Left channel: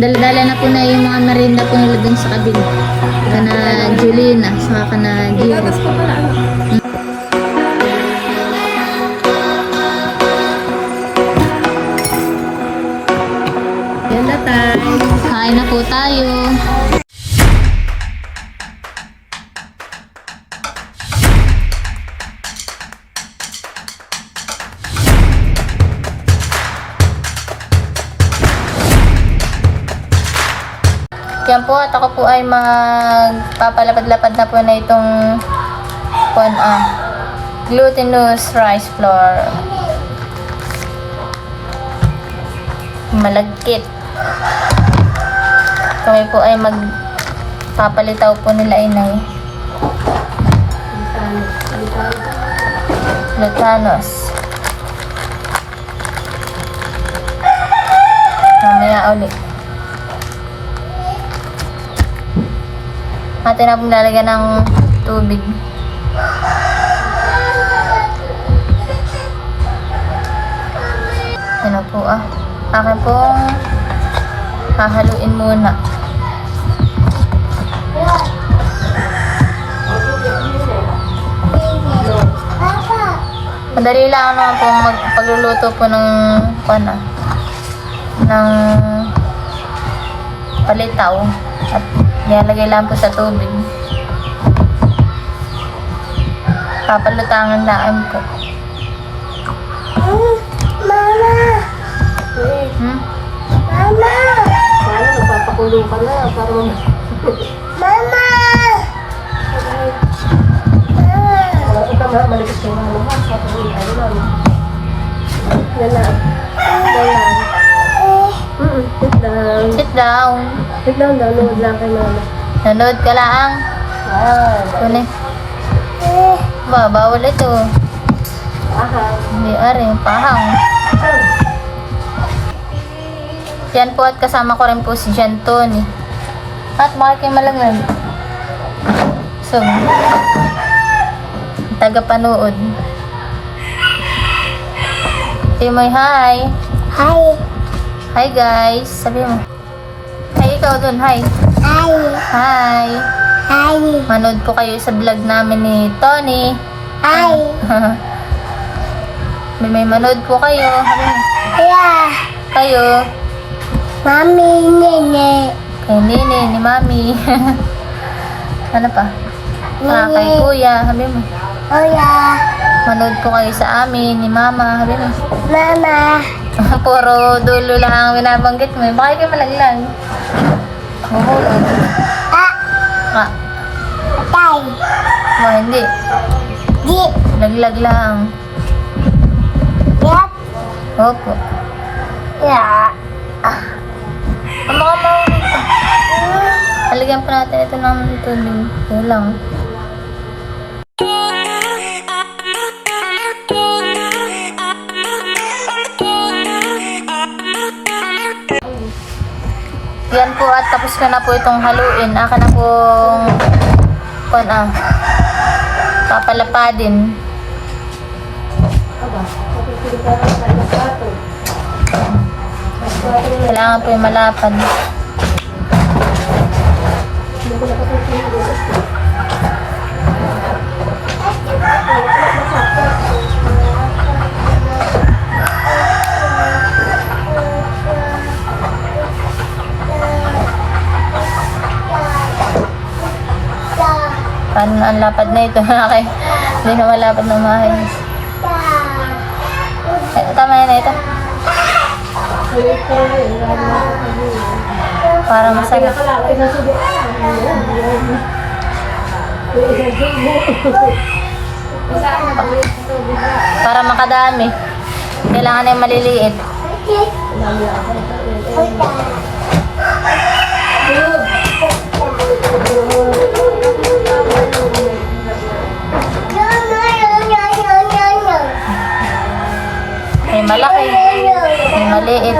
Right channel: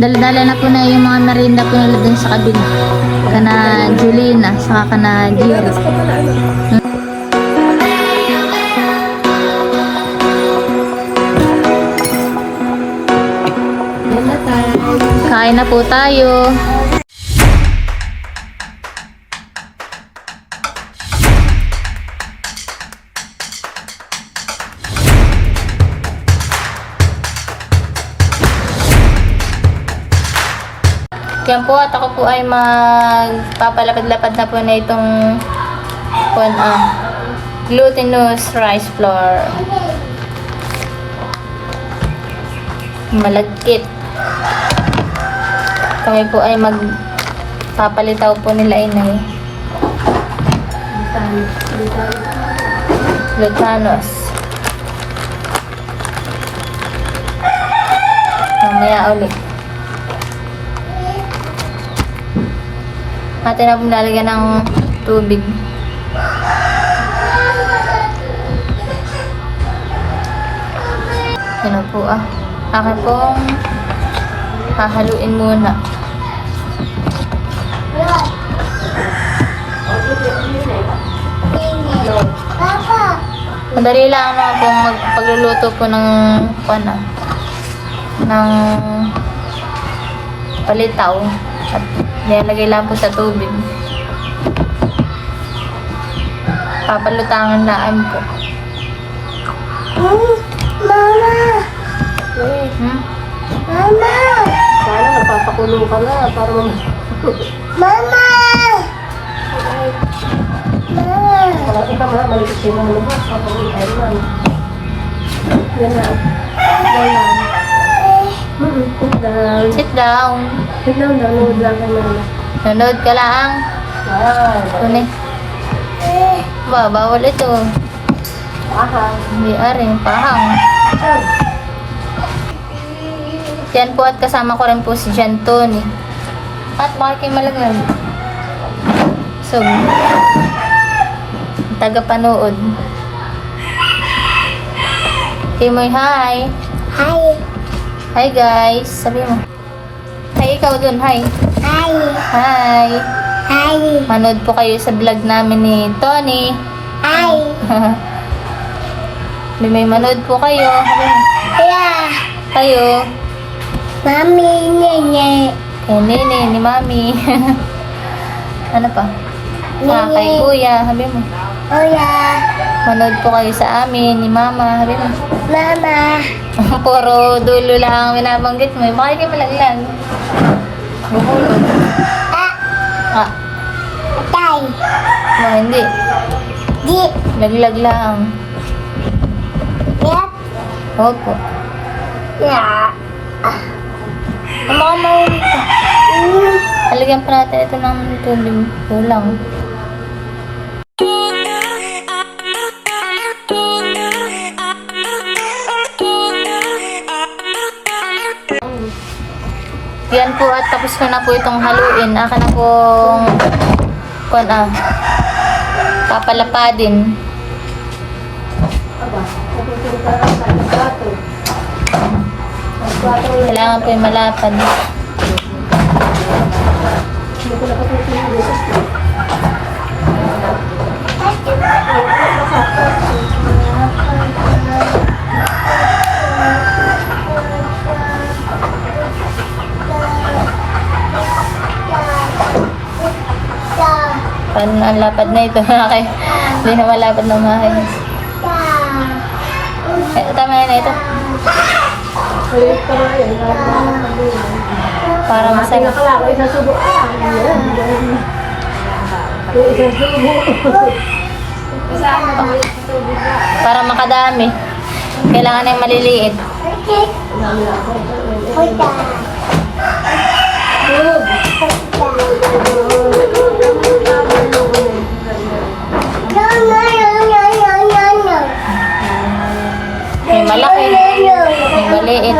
Dala-dala na po na yung mga merinda po nila dun sa kabila. Kana Julina, saka kana Giro. Ko pala ano. Kain na po tayo. Yan po at ako po ay magpapalapad-lapad na po na itong kon ah, glutinous rice flour. Malagkit. Kami po ay magpapalitaw po nila inay. Glutanos. Mamaya ulit. Atin na po lalagyan ng tubig. Yan na po ah. Akin pong hahaluin muna. Madali lang naman po mag pagluluto po ng pana ng palitaw nilalagay lang po sa tubig. Papalutangan lang po. Hmm? Yan na. Yan na. Mm-mm, sit down. Sit down. Sit down, nanood lang kay mama. Nanood ka lang. Tunay. Ba, bawal ito. Hindi aring pahang. Yan po at kasama ko rin po si Jan Tony. At kayo malamig? So, taga-panood. Timoy, hi! Hi. Hi guys! Sabi mo. Ikaw dun, hi! Hi. Hi! Hi. Manood po kayo sa vlog namin ni Tony. Hi. May manood po kayo. Yeah. kayo. Mami, nene. Kay Nene, ni Mami. ano pa? Ah, kay Kuya. Sabi mo. Oh yeah. Manood po kayo sa amin, ni Mama. Sabi mo. Mama. Puro dulo lang ang binabanggit mo. Bakit yung malaglag? Ah. Ah, Tay. oh, hindi. Di. Laglag lang. Yep. Opo. Ang mga mahulog pa. Mm. Halagyan pa natin ito ng tubig. Kulang. Yan po at tapos ko na po itong haluin. Aka na pong kon ah, papalapadin. Kailangan po yung malapad. Paano ang lapad na ito? Hindi na malapad na maayos. Eh, tama na ito. Para masarap. Pa- Para makadami. Kailangan ng maliliit. malaki, may maliit.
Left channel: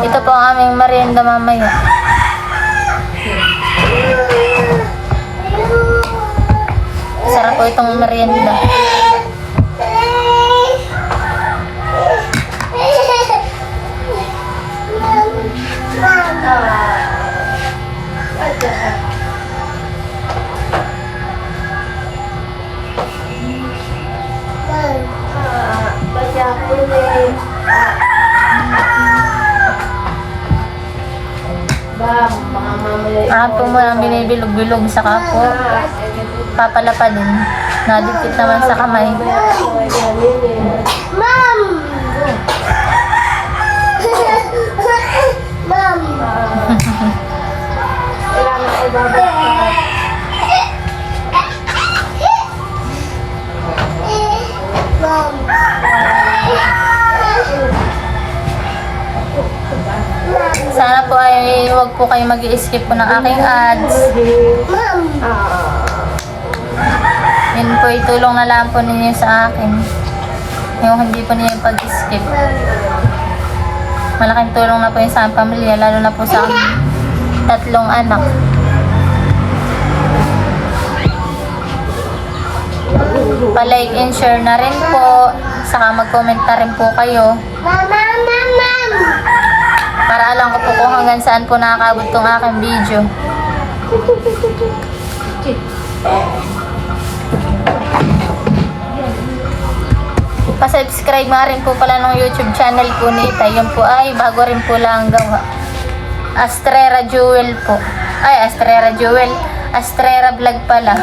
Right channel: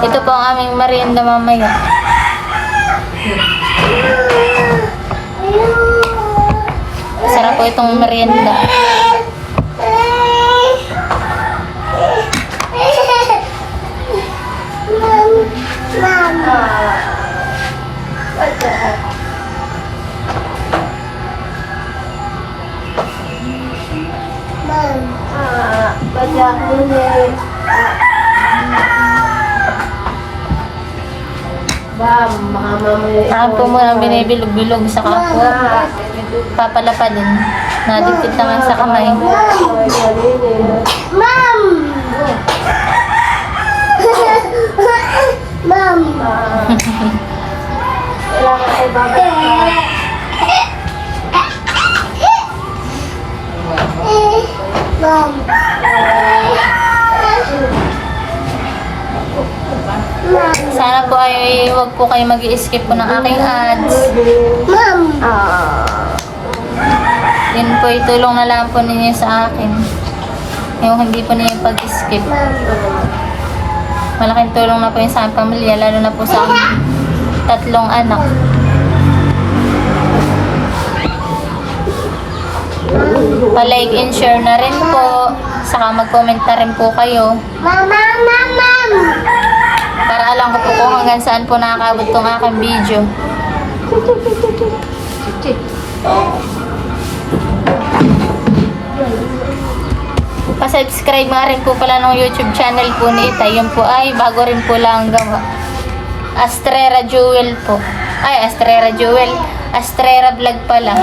Ito po ang aming merienda mamaya. Sarap po itong merienda. Akin po muna binibilog-bilog sa kapo. Papalapa din. Nadikit naman sa kamay. Mom! Mom! Sana po ay huwag po kayo mag skip po ng aking ads. Yun po itulong na lang po ninyo sa akin. Yung hindi po ninyo pag-skip. Malaking tulong na po yun sa aking pamilya, lalo na po sa tatlong anak. Pa-like and share na rin po. Saka mag-comment na rin po kayo. Mama, mama! Para alam ko po kung hanggang saan po nakakabot tong aking video. Pa-subscribe nga rin po pala ng YouTube channel po ni Itay. Yun po ay bago rin po lang gawa. Astrera Jewel po. Ay, Astrera Jewel. Astrera Vlog pala.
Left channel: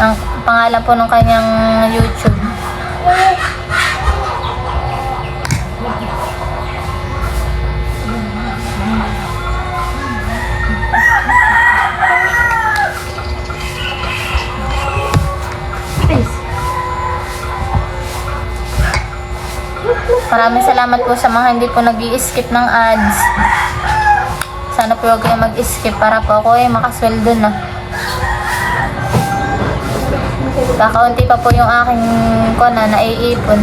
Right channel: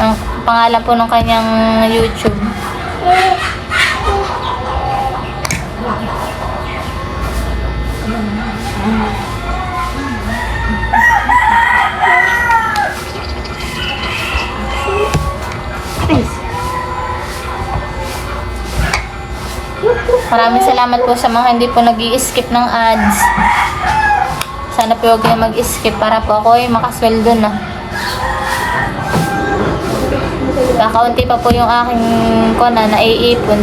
Ang pangalan po ng kanyang YouTube. Maraming salamat po sa mga hindi po nag skip ng ads. Sana po huwag kayo mag-skip para po ako ay makasweldo na. Kakaunti pa po yung aking kona na naiipon.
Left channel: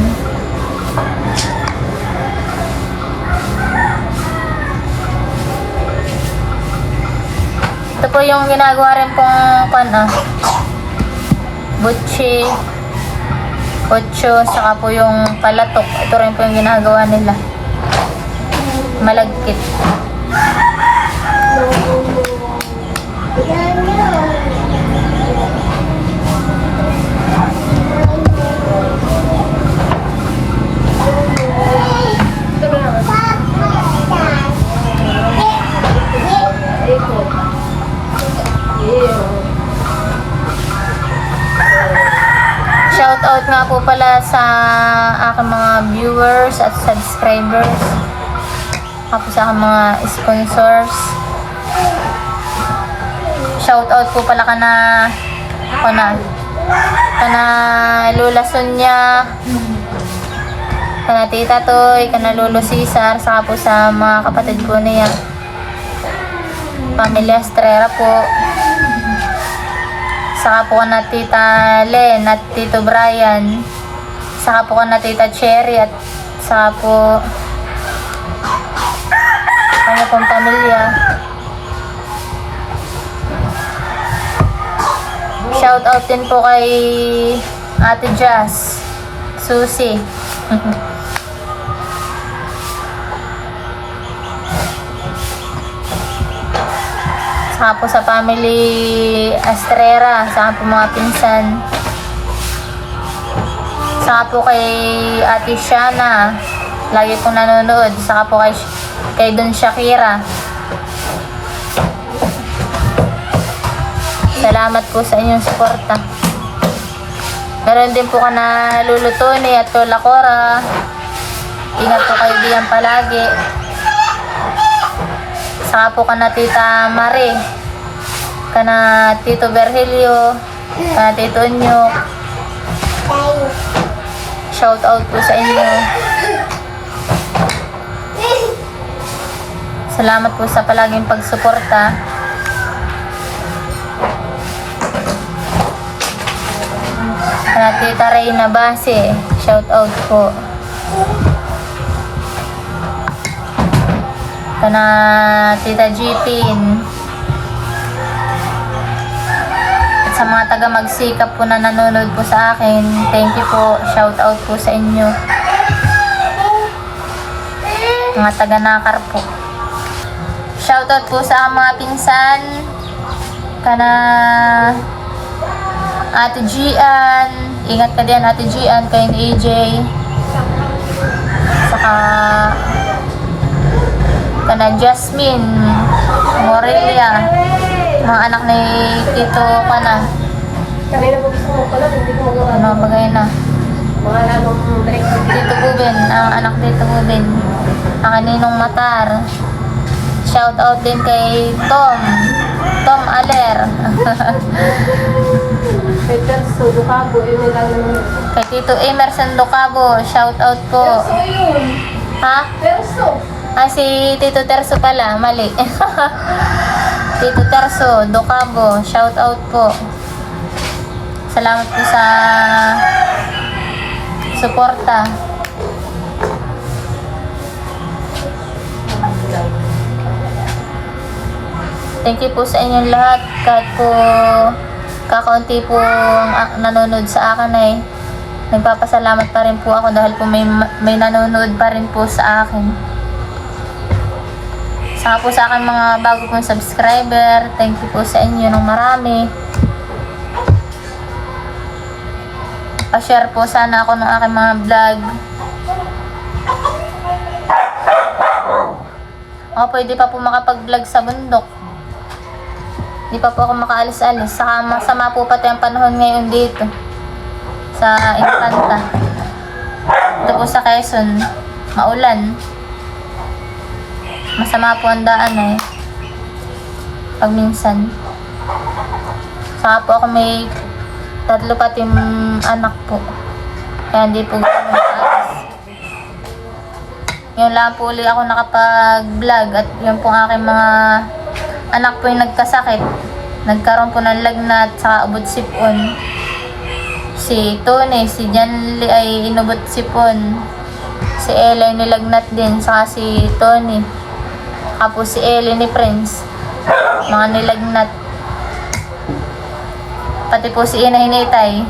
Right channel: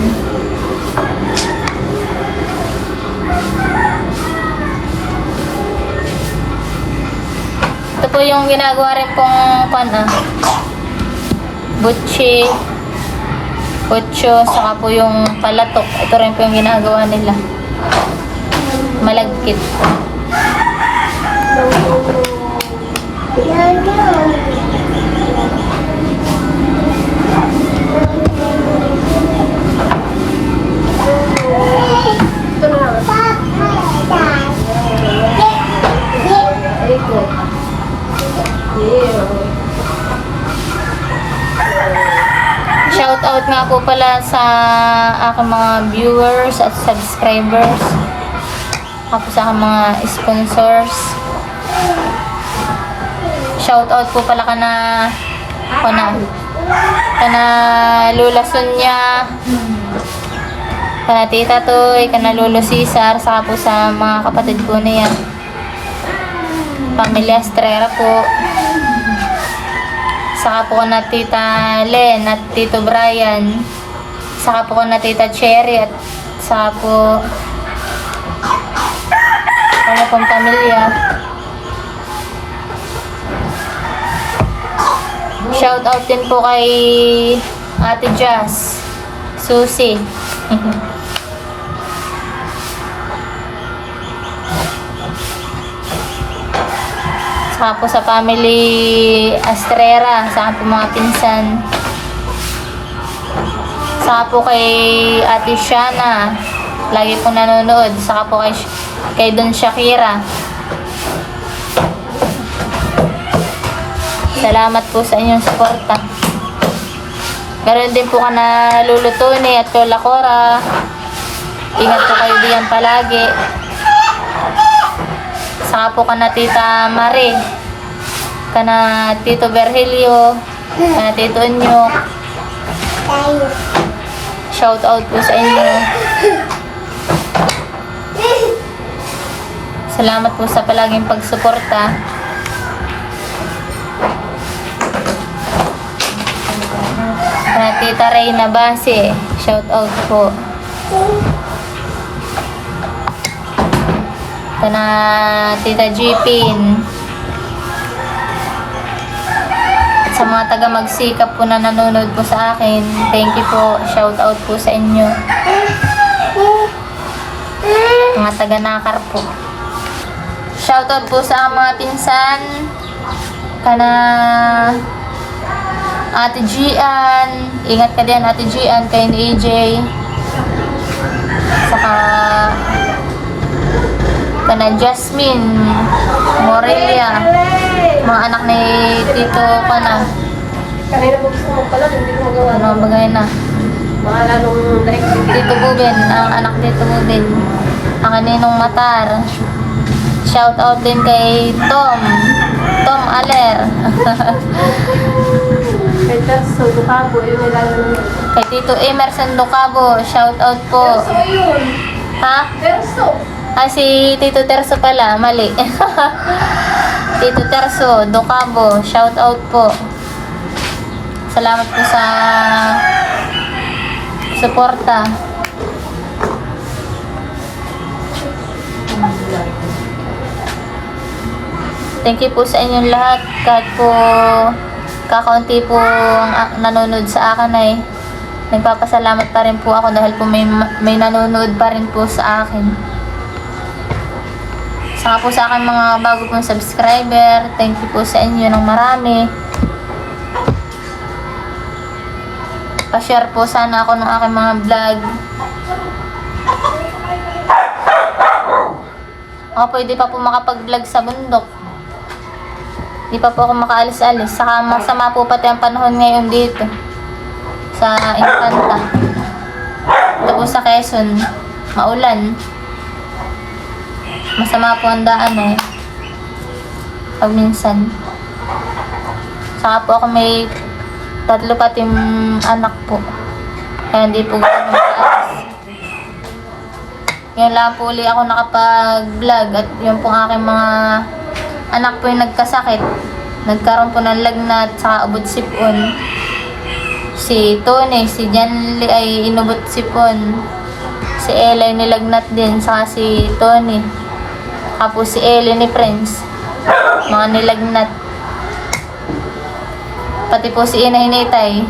Ito po yung ginagawa rin pong kona. Butchi, Ocho, saka po yung palatok. Ito rin po yung ginagawa nila. Malagkit. Shout out nga po pala sa aking mga viewers at subscribers. Tapos sa aking mga sponsors. Shout out po pala kana kana kana Lula Sonia kana Tita Toy, kana Lolo Cesar, saka po sa mga kapatid ko niya. Pamilya Estrera po. Saka po na Tita Len at Tito Brian. Saka po na Tita Cherry at saka po kanya pong pamilya. Shout out din po kay Ate Jazz, Susie. Saka sa family Astrera, saka po mga pinsan. Saka po kay Ate Shana, lagi po nanonood. Saka po kay, kay Don Shakira. Salamat po sa inyong suporta. Meron din po ka na Luluto ni at Lola Cora. Ingat po kayo diyan palagi. Saka po ka na Tita Mari. Kana Tito Berhelio. Kana Tito Onyok. Shout out po sa inyo. Salamat po sa palaging pagsuporta. Kana Tita Reyna Base. Shout out po. Kana Tita Jeepin. sa mga taga magsikap po na nanonood po sa akin, thank you po. Shout out po sa inyo. Mga taga nakar po. Shout out po sa mga pinsan. Kana Ate Gian. Ingat ka din Ate Gian kay ni AJ. Saka kana Jasmine Morelia. Mga anak ni Tito kana. Ano bagay na? Tito Buben, ang anak Tito Buben. Ang ninong Matar. Shout out din kay Tom. Tom Aler. kay Tito Emerson Docabo. Shout out po. Ha? Ah, si Tito Terso pala. Mali. Tito Terso, Docabo. Shout out po. Salamat po sa suporta. Thank you po sa inyong lahat. Kahit po kakaunti po ang nanonood sa akin ay nagpapasalamat pa rin po ako dahil po may, may nanonood pa rin po sa akin. Saka po sa akin mga bago pong subscriber, thank you po sa inyo ng marami. Pa-share po sana ako ng aking mga vlog. Ako pwede pa po makapag-vlog sa bundok. Di pa po ako makaalis-alis. Saka masama po pati ang panahon ngayon dito. Sa Infanta. Ito po sa Quezon. Maulan. Masama po ang daan eh. Pag minsan. Saka po ako may tatlo pati anak po. Kaya hindi po ganun makaalis. Yun lang po uli ako nakapag-vlog at yun po ang aking mga anak po yung nagkasakit. Nagkaroon po ng lagnat saka ubod sipon. Si Tony, si Janly ay inubot sipon. Si Ella nilagnat din, saka si Tony. Po si Ellie ni Prince. Mga nilagnat. Pati po si Ina Hinitay.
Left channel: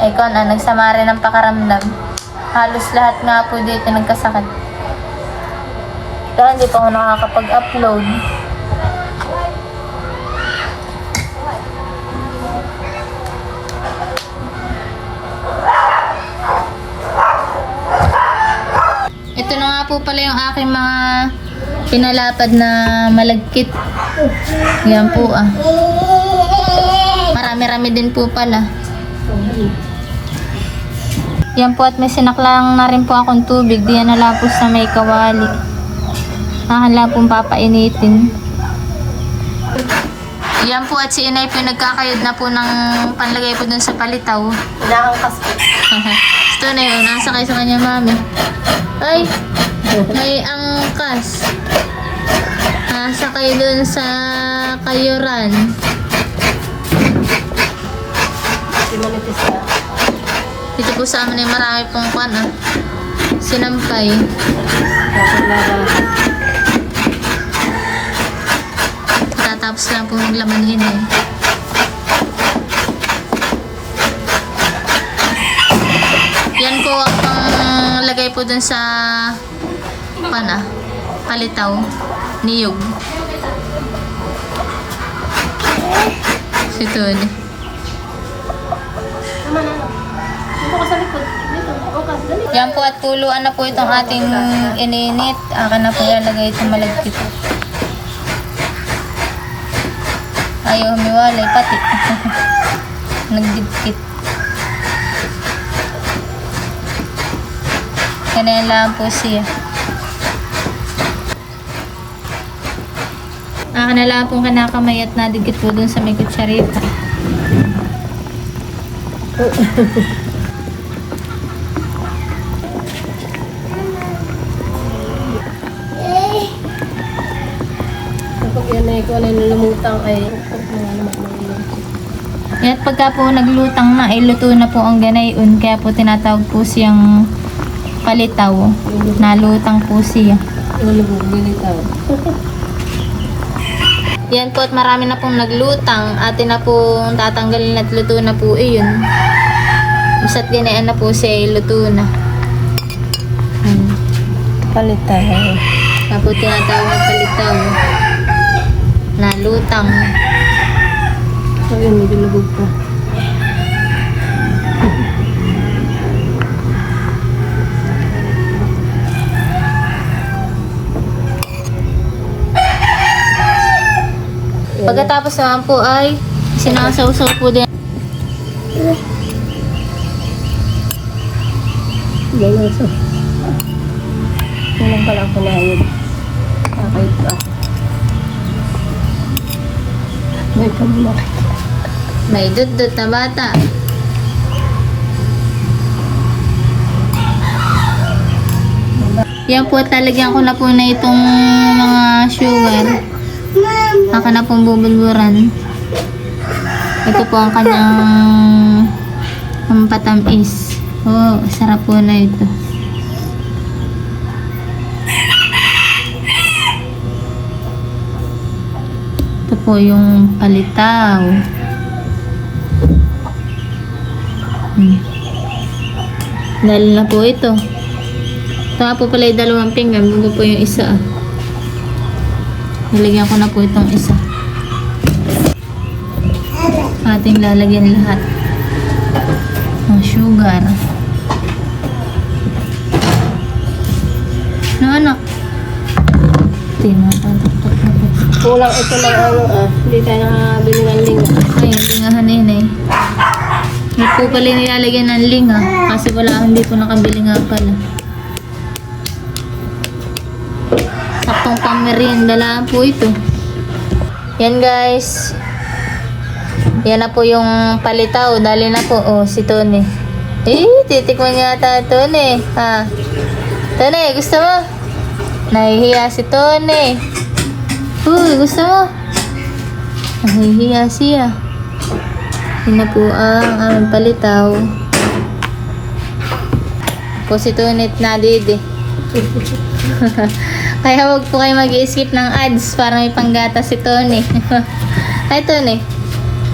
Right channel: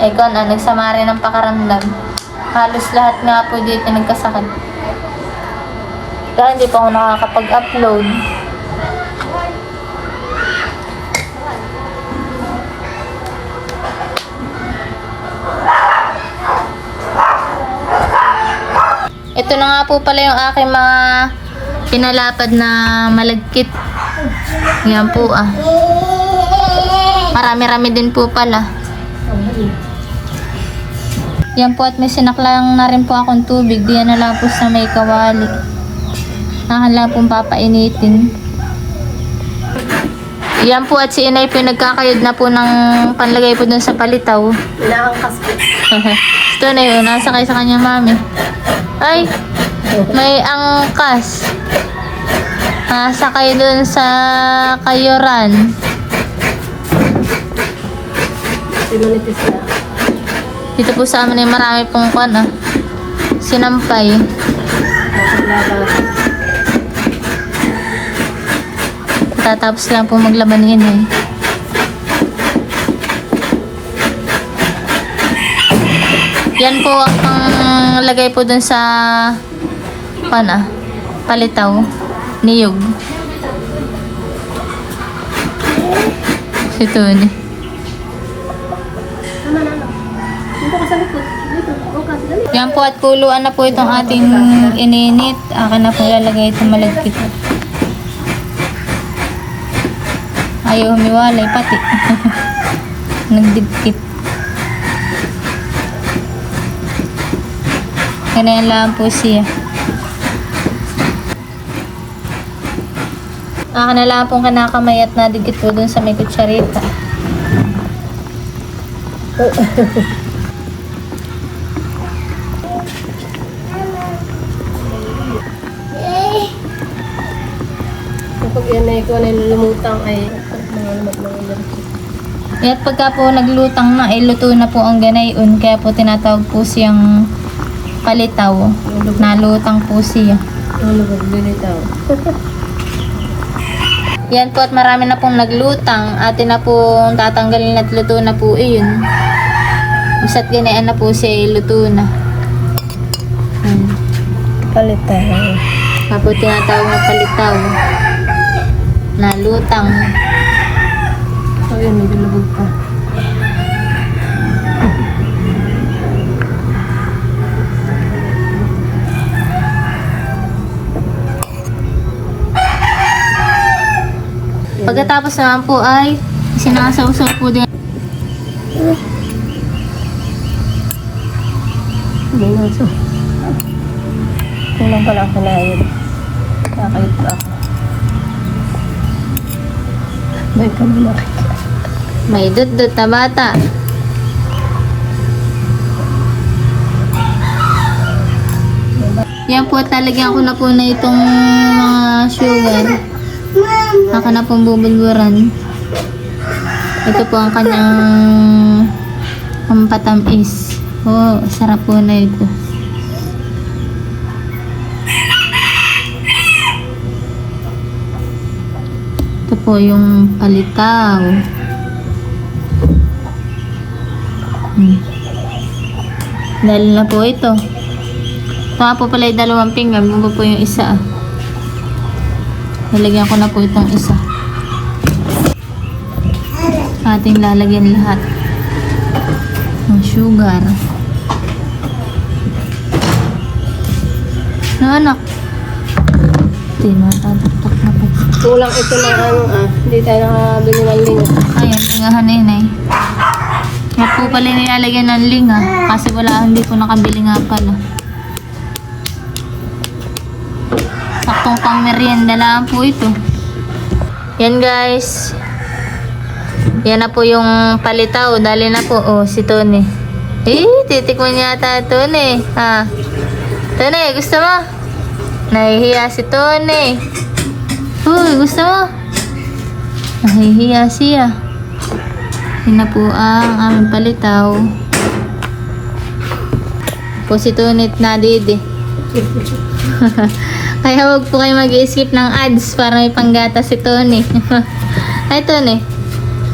Eh, kon, ah, nagsama rin ng pakaramdam. Halos lahat nga po dito nagkasakit. Kaya hindi pa ako nakakapag-upload. Ito na nga po pala yung aking mga pinalapad na malagkit. Yan po ah. Marami-rami din po pala. Yan po at may sinaklang na rin po akong tubig. Diyan na lang po sa may kawali. Nahala pong papainitin. Yan po at si inay po nagkakayod na po ng panlagay po dun sa palitaw. Inaangkas ko. Ito na yun, nasa kayo sa kanya mami. Ay, may angkas. Nasa kayo dun sa kayuran. Dito po sa amin ay marami pong kwan ah. Sinampay. Tatapos lang po maglaban ni inay. Yan po ang panglagay po dun sa kwan ah. Palitaw. Niyog. Ito ni. Dali. Yan po at puluan na po itong ating ininit. Akin na po ilalagay itong malagkit. Ayaw humiwalay pati. Nagdibkit. Ganyan lang po siya. Akin na lang pong kanakamay at nadikit po dun sa may kutsarita. Kapag yan ay ano yung lumutang ay na. At pagka po naglutang na, ay luto na po ang ganayon. Kaya po tinatawag po siyang palitaw. Nalutang po siya. Yung lubog binitaw. Yan po at marami na pong naglutang. Atin na pong tatanggalin at luto na po iyon. Basta't ganyan na po siya luto na. Ayan. Palitan. Tapos tinatawag na palitaw. Na lutang. Ayun, medyo labog Pagkatapos naman po ay sinasawsaw po din. Ganyan siya. Kumain pa lang ako na yun. Kakalit pa ako. May dudot na bata. Yan po, talagyan ko na po na itong mga sugar. Aka na pong bubulburan. Ito po ang kanyang pampatamis. Oh, sarap po na ito. Ito po yung palitaw. Hmm. Dahil na po ito. Ito po pala yung dalawang pinggan. Bugo po yung isa. ah. Lalagyan ko na po itong isa. Ating lalagyan lahat. Ng sugar. Na anak. Matatatak na po. Kulang ito ng ano ah. Hindi tayo nakabili ng linggo. Ayan, lingahan na yun eh. Po pala nilalagyan ng linga. Kasi wala, hindi po nakabili nga pala. Merienda lang po ito. Yan guys. Yan na po yung palitaw. Dali na po. Oh, si Tony. Eh, titikman yata Tony. Ha? Tony, gusto mo? Nahihiya si Tony. Uy, gusto mo? Nahihiya siya. Yun na po ang aming palitaw. Po si Tunit na didi. Kaya wag po kayo mag-skip ng ads para may panggata si Tony. Ay, Tony.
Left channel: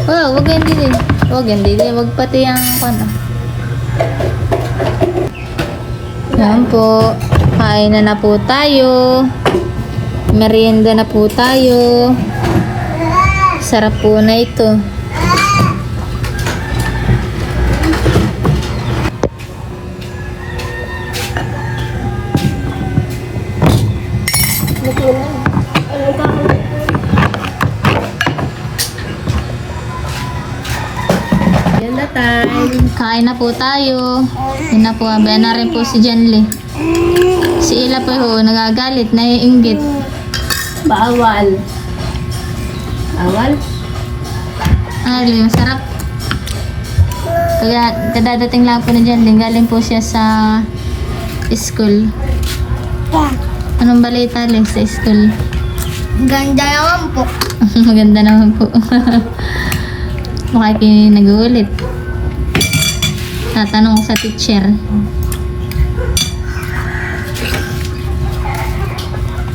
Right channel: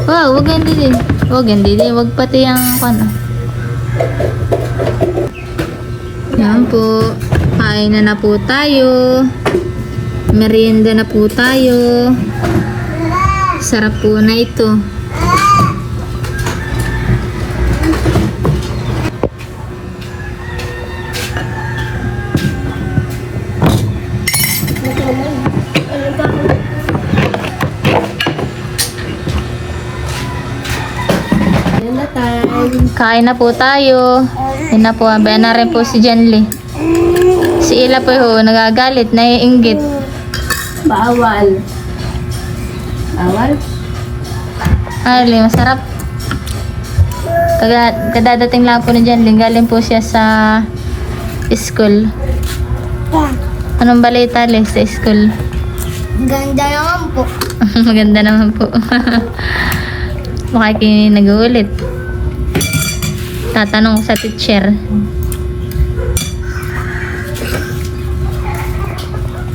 Wow, wag yan didi. Wag yan didi. Wag pati yung ano. Yan po. Kain na na po tayo. Merienda na po tayo. Sarap po na ito. Kain na po tayo. Yan na po. Abayan na rin po si Janly. Si Ila po ho, nagagalit, naiinggit. Bawal. Bawal? Ay, masarap. Kaga, kadadating lang po ni Janly. Galing po siya sa school. Anong balita, Le, sa school? Ganda naman po. Maganda naman po. Mukha kayo nag-uulit. Tatanong sa teacher.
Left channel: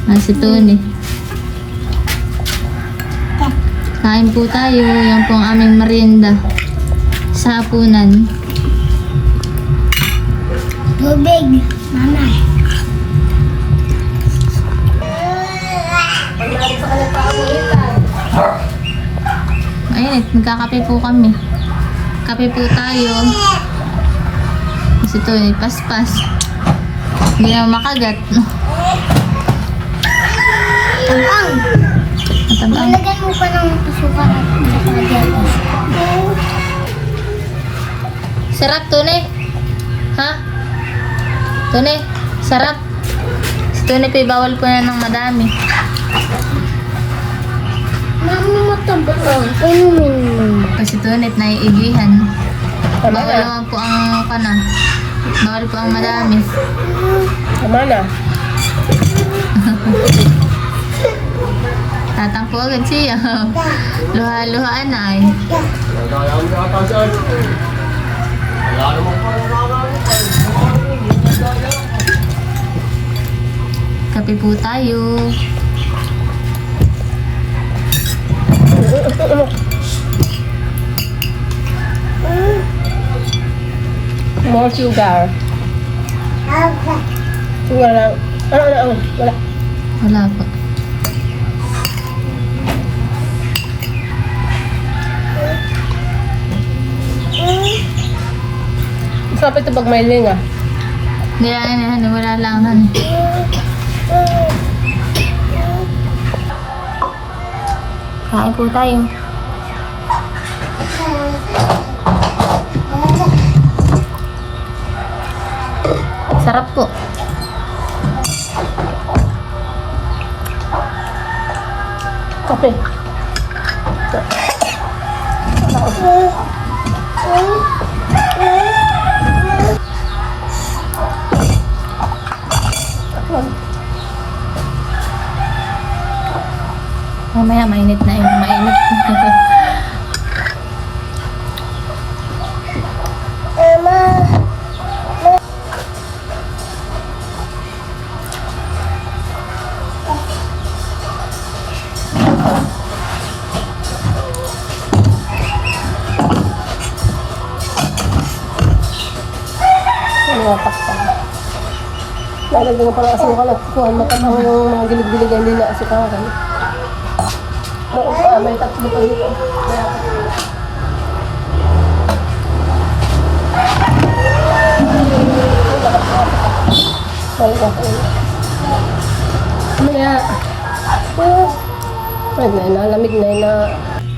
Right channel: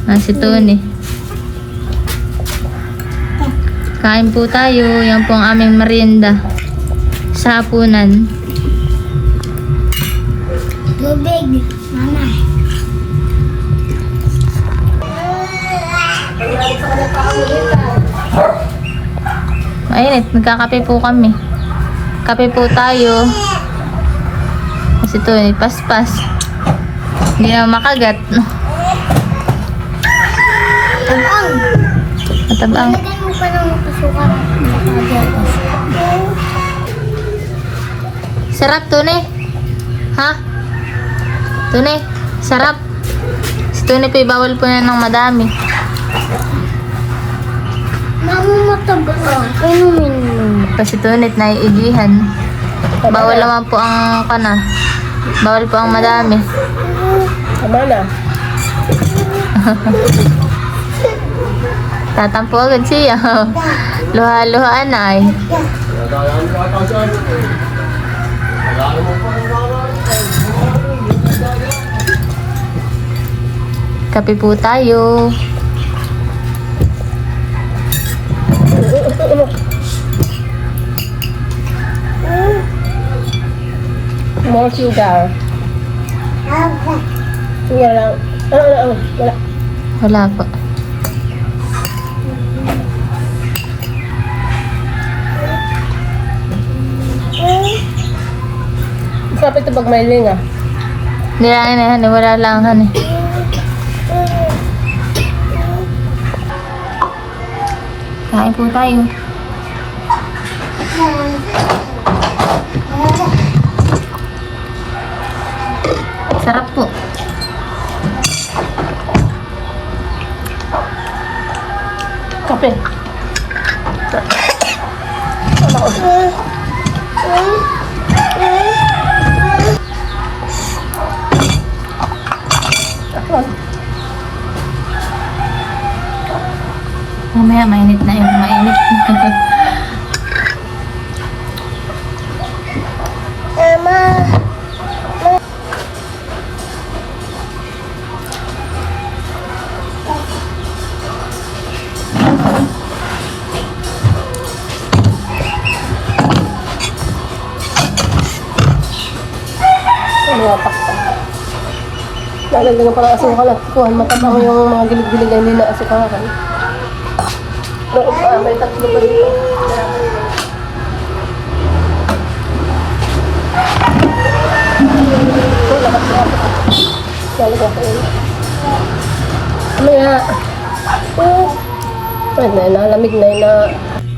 Ah, si Tony. Kain po tayo. Yan po ang aming merienda. Sa hapunan. Tubig. Mama. Mainit, nagkakape po kami. Kape po tayo. Kasi ito, eh, paspas. Hindi na makagat. Tabang. Matabang. Lagyan mo pa ng pasukan at. Sarap, Tune. Ha? Tune, sarap. Si Tune po, bawal po yan ng madami. Kasi Tune, naiigihan. Bawal naman po ang kana. Bawal po ang madami. Tama na. Tatampo agad siya. Luha-luhaan ay. Eh. Kape po tayo. Mm-hmm. More sugar. Sugar lang. Ano, ano, ano? Wala. Wala po. Masarap ito pag may linga. Hindi lang yan, honey. Wala lang, honey. Kain po tayo. Sarap po. Kape. Mamaya mainit na yun. Mainit na.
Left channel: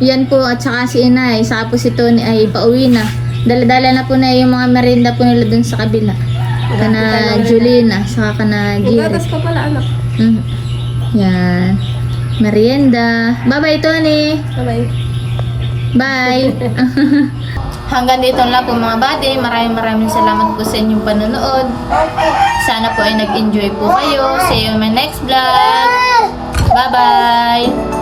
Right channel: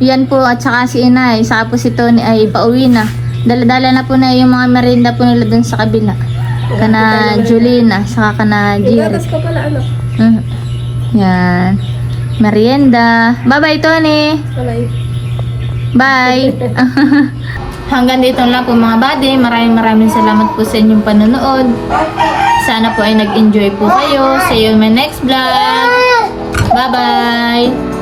Yan po at saka si Inay, saka po si Tony ay pauwi na. Dala-dala na po na yung mga merienda po nila dun sa kabila. Kana Julina, saka kana Jerry. Gatas pa pala, anak. Mm. Yan. Merienda. Bye-bye, Tony. Bye-bye. Bye. Hanggang dito lang po mga buddy. Maraming maraming salamat po sa inyong panonood. Sana po ay nag-enjoy po kayo. See you in my next vlog. Bye-bye.